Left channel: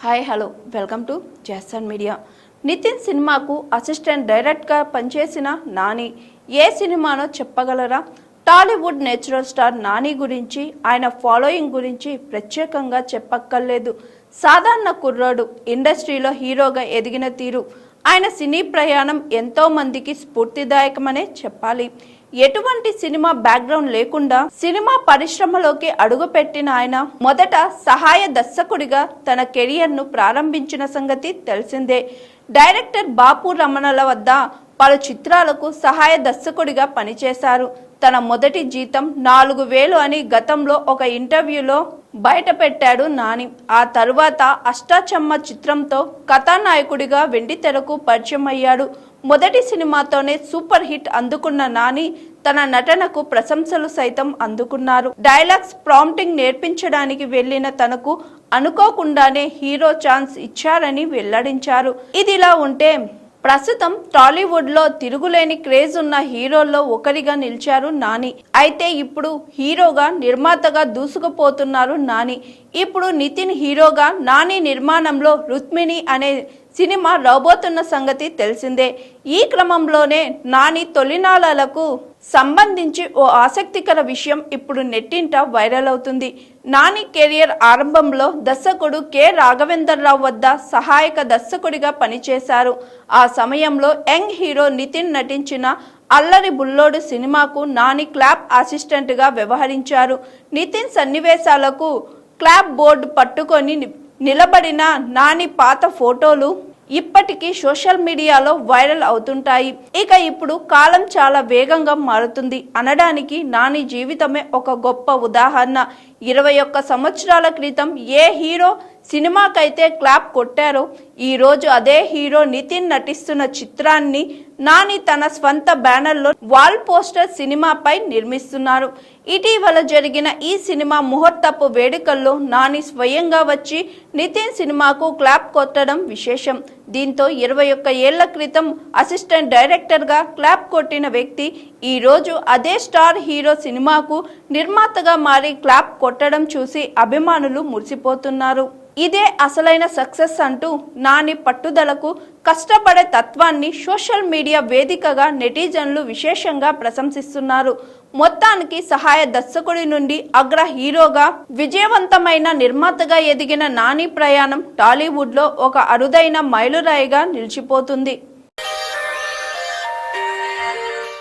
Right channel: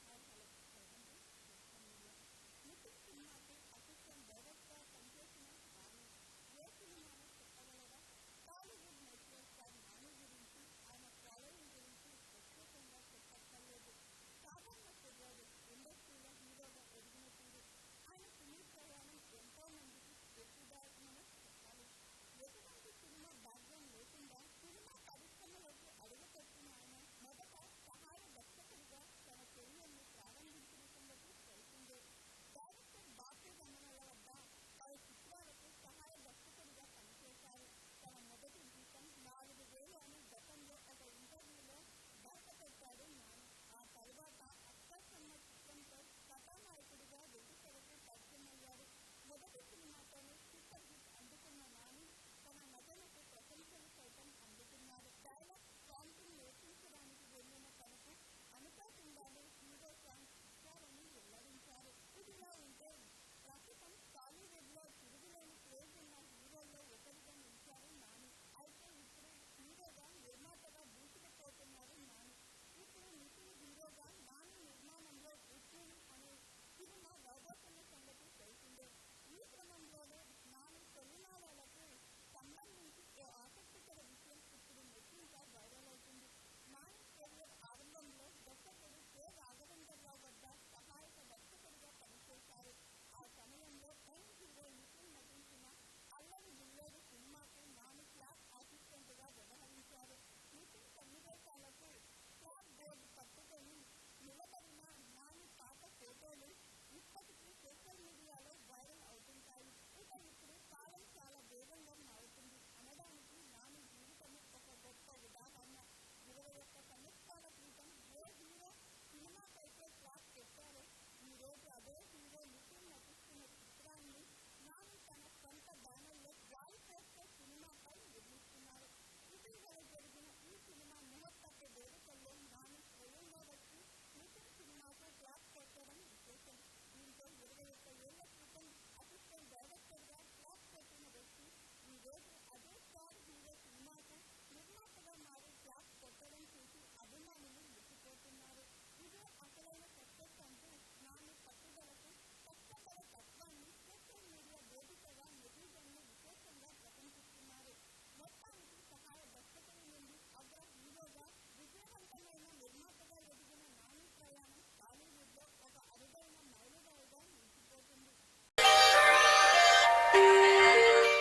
Hi hello welcome to Jesson media. Nithin సినిమాకు assistant డైరెక్టర్గా పనిచేసిన నాని ఏ సినిమానో చెప్పగలరా? టాలీవుడ్ నేచురల్ స్టార్ నాని గురించి, ఆయన ఫాలోయింగ్ గురించి ప్రత్యేకంగా చెప్పక్కర్లేదు. సాధారణ కుర్రాడు, ఇండస్ట్రీలో హీరోగా ఎదిగిన తీరు, ఆయన సినీ ప్రయాణం ఎంతో మందికి స్ఫూర్తిదాయకమనే చెప్పాలి. ఎటువంటి సినిమా బ్యాక్గ్రౌండ్ లేకుండా సినిమా పరిశ్రమలోకి అడుగుపెట్టిన ఆయన మొదట సహాయ దర్శకుడిగా తన కెరియర్ను ప్రారంభించిన సంగతి తెలిసిందే. డైరెక్టర్ బాపు రమణల వద్ద పలు చిత్రాలకు సహాయ దర్శకుడిగా పనిచేశారు. తన మొదటి జీతం 4,000 అని గతంలో ఒక ఇంటర్వ్యూలో బయటపెట్టాడు నాని. ఆ తరువాత అష్టాచమ్మ చిత్రంతో కథానాయకుడిగా వెండితెరకు పరిచయం అయ్యాడు. మొదటి సినిమాతోనే సూపర్ హిట్ అందుకున్న నాని తన నటనకు ప్రశంసలు సైతం అందుకున్నారు. డైలాగ్స్ ప్రాంప్టింగ్ నేర్పించడానికి వెళ్లిన తనకు అనుకోకుండానే హీరో ఛాన్స్ ఇచ్చారని వెల్లడించారు. ఇదిలా ఉంటే ప్రస్తుతం టాలీవుడ్ లో తిరుగులేని క్రేజ్ ఉన్న హీరోల్లో ఒకరిగా నిలిచారు నాని. అయితే ఇప్పుడు హీరోగా, నిర్మాతగా దూసుకుపోతున్నారు నాని. ఇప్పుడు నితిన్ హీరోగా, నాని నిర్మాణంలో రుక్మిణి అనే సినిమా రాబోతున్న సంగతి తెలిసిందే. ఈ క్రమంలోనే నాని తొలినాళ్లకు సంబంధించి ఓ ఆసక్తికర విషయం ఇప్పుడు నెట్టింట వైరల్ అవుతుంది. నాని కెరియర్ ఆరంభంలో దర్శకుడు కె రాఘవేంద్రరావు వద్ద సహాయక దర్శకుడిగా పనిచేశారు. ఆ సమయంలో యంగ్ హీరో నితిన్ నటించిన అల్లరి బుల్లోడు సినిమాకు నాని క్లాప్ అసిస్టెంట్గా వ్యవహరించారు. నితిన్ సన్నివేశాలకు క్లాప్ బోర్డు పట్టుకొని నిలబడిన నాని పాత ఫోటోలు ఇప్పటికీ సోషల్ మీడియాలో వైరల్ అవుతుంటాయి. ఇక ఇప్పుడు కాలం చాలా వేగంగా మారుతుంది అనడానికి నాని జీవితమే ఒక గొప్ప ఉదాహరణ. 21 సంవత్సరాల క్రితం ఏ హీరో సినిమాకైతే క్లాప్ కొట్టారో, ఈరోజు అదే హీరో నితిన్ నటిస్తున్న చిత్రాన్ని నాని తన స్వంత బ్యానర్లో వాల్ పోస్టర్ సినిమాపై నిర్మిస్తున్నారు. ఇటీవల జరిగిన ఈ సినిమా ముహూర్తపు వేడుకల్లో నాని స్వయంగా వచ్చి నితిన్ సినిమాకు క్లాప్ కొట్టడం విశేషం. దీంతో 21 ఏళ్ల క్రితం అసిస్టెంట్ డైరెక్టర్గా క్లాప్ కొట్టిన వ్యక్తి ఈరోజు అదే స్టార్ హీరో సినిమాకు నిర్మాతగా మారి క్లాప్ కొట్టడం చూసి అభిమానులు మురిసిపోతున్నారు. ఇదే అసలైన సక్సెస్ అంటూ నాని పట్టుదలకు, కష్టపడే తత్వాన్ని సోషల్ మీడియా వేదికగా నెటిజన్లు విశేషంగా ప్రశంసిస్తున్నారు. మొత్తానికి సహాయ దర్శకుడి నుండి అగ్ర హీరోగా, విజయవంతమైన నిర్మాతగా ఎదిగిన నాని ప్రయాణం టాలీవుడ్లో ఒక అరుదైన మైలురాయిగా నిలిచిపోతుంది.